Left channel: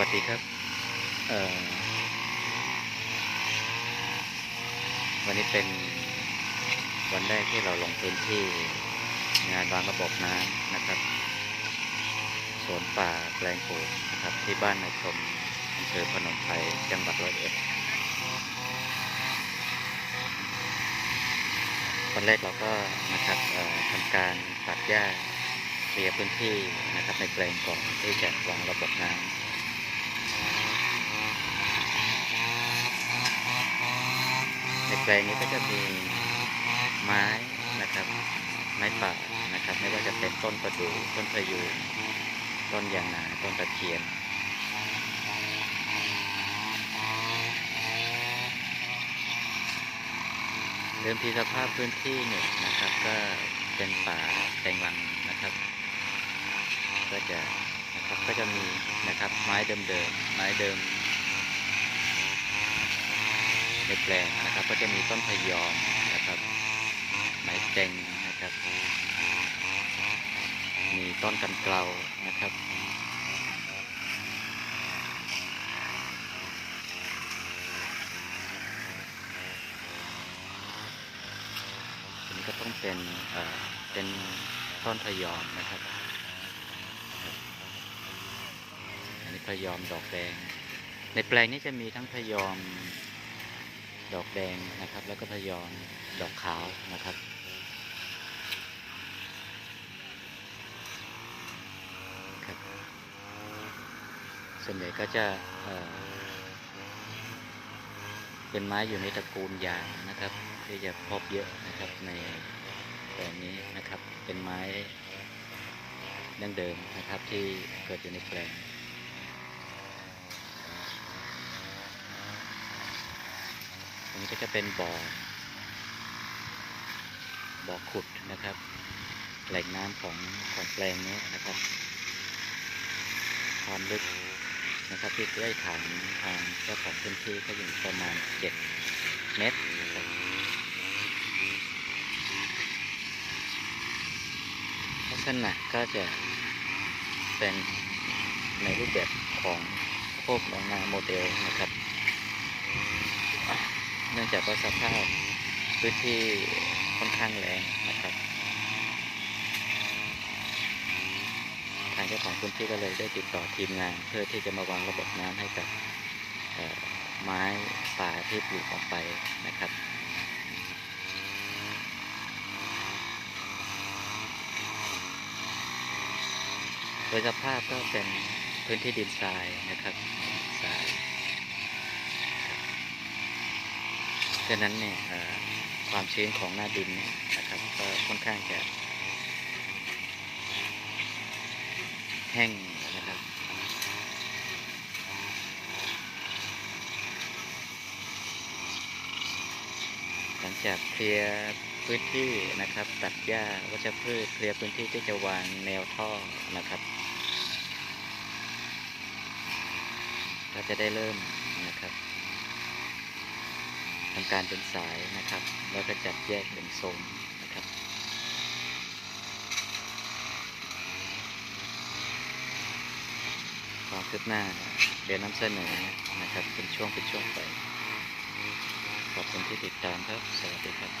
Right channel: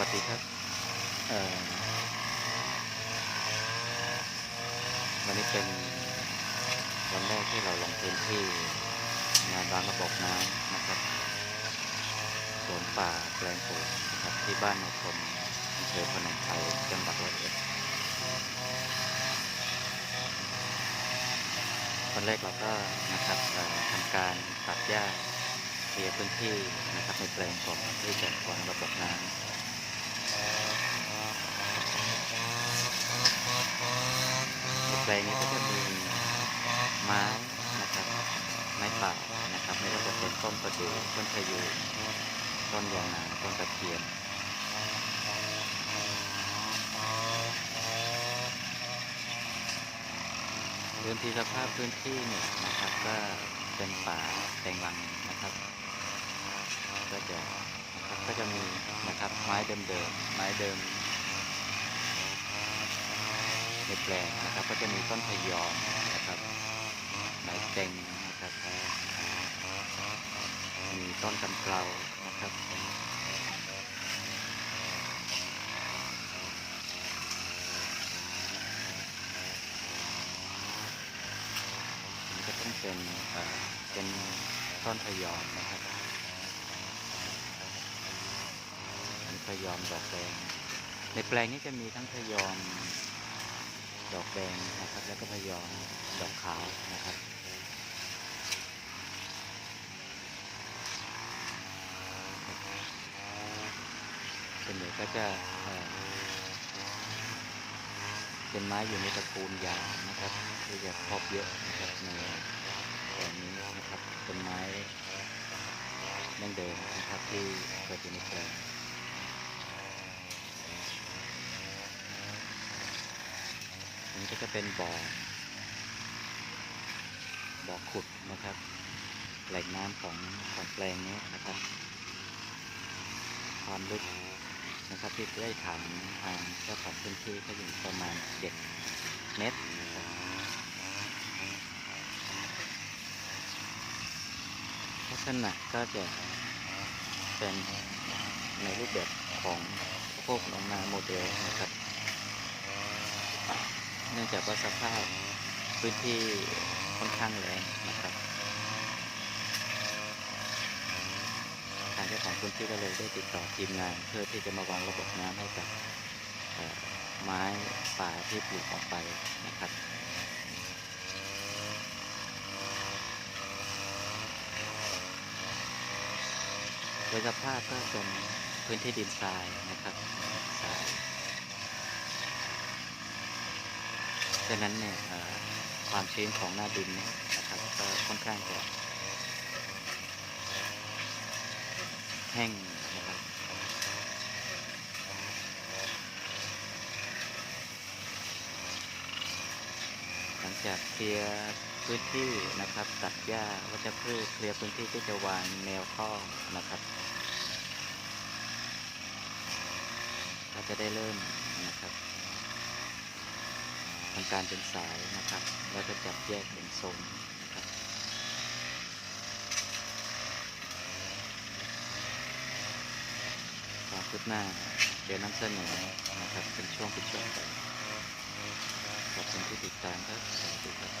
วัสดีครับวันนี้เป็นวันแรกที่เราลงพื้นที่งานวางระบบน้ำนะครับ สวนป่าแปลงปลูกนะครับที่บ้านนายชมอำเภอพนมไพรจังหวัดร้อยเอ็ดวันแรกเราก็นะครับทำการตัดหญ้าเคลียร์พื้นที่นะครับในแปลงก่อนที่จะวางระบบน้ำ ในแปลงนี้ก็จะมีไม้นะครับ ไม้ป่านะครับ ไม่ว่าจะเป็นต้นประดู่ต้นพะยูงต้นยางนาต้นตะเคียนเดิมทีสภาพพื้นที่เนี่ยนะครับ ก็เป็นป่าแตงรังนะครับ ก็จะนะครับก็จะมีนะครับไม้เดิมๆไม้เดิม ในแปลงนะครับ ก็จะมีต้นพยอมนะครับไม้เจงนะครับ มีต้นกำเกลานะครับอันนี้ก็ต้องเป็นเอ่อเป็นต้นพยอมนะครับอันนี้พยอมดอกแดงในแปลงนี้จะมีทั้งพยอม ดอกแดงนะครับ แล้วก็พยอมดอกขาวนะครับครับส่วนใหญ่ก็จะเเป็นไม้อยู่ในตระกูลยางนะครับที่จะพบเยอะนะครับในแปลงนี้นะครับเป็นไม้ดั้งเดิมนะครับที่เกิดอยู่ในแปลง อั นี้ก็จะเป็นบ่อ บ่อขุดนะครับ แหล่งน้ำของของแปลงนี้นะครับ ความลึกนะครับที่ได้ถามทางเจ้าของพื้นที่ก็อยู่ประมาณ 7 เมตรนะครับลักษณะก็จะเป็นในรูปแบบของโคกหนองนาโมเดลนะครับ เนื่องจากว่าสภาพพื้นที่ค่อนข้างแรงนะครับ ทางเจ้าของพื้นที่ก็เลยได้ติดต่อทีมงาน เพื่อที่จะมาวางระบบน้ำให้กับไม้ป่าที่ปลูกออกไปนะครับโดยสภาพก็เป็นพื้นที่ดินทรายนะครับทราย ฉะนั้นเนี่ยความชื้นของหน้าดินเนี่ยนะครับก็ค่อนข้างจะแห้งนะครับ หลังจากเคลียร์พื้นที่นะครับ ตัดหญ้าวัชพืชเคลียร์พื้นที่ที่จะวางแนวท่อนะครับ ก็จะได้เริ่มนะครับ ทำการเป็นสายนะครับ แล้วก็จับแยกเป็นโซนนะครับ ความคืบหน้าเดี๋ยวนำเสนอนะครับ เป็นช่วงเป็นช่วงไปขอบคุณที่ติดตามครับ สวัสดีครับ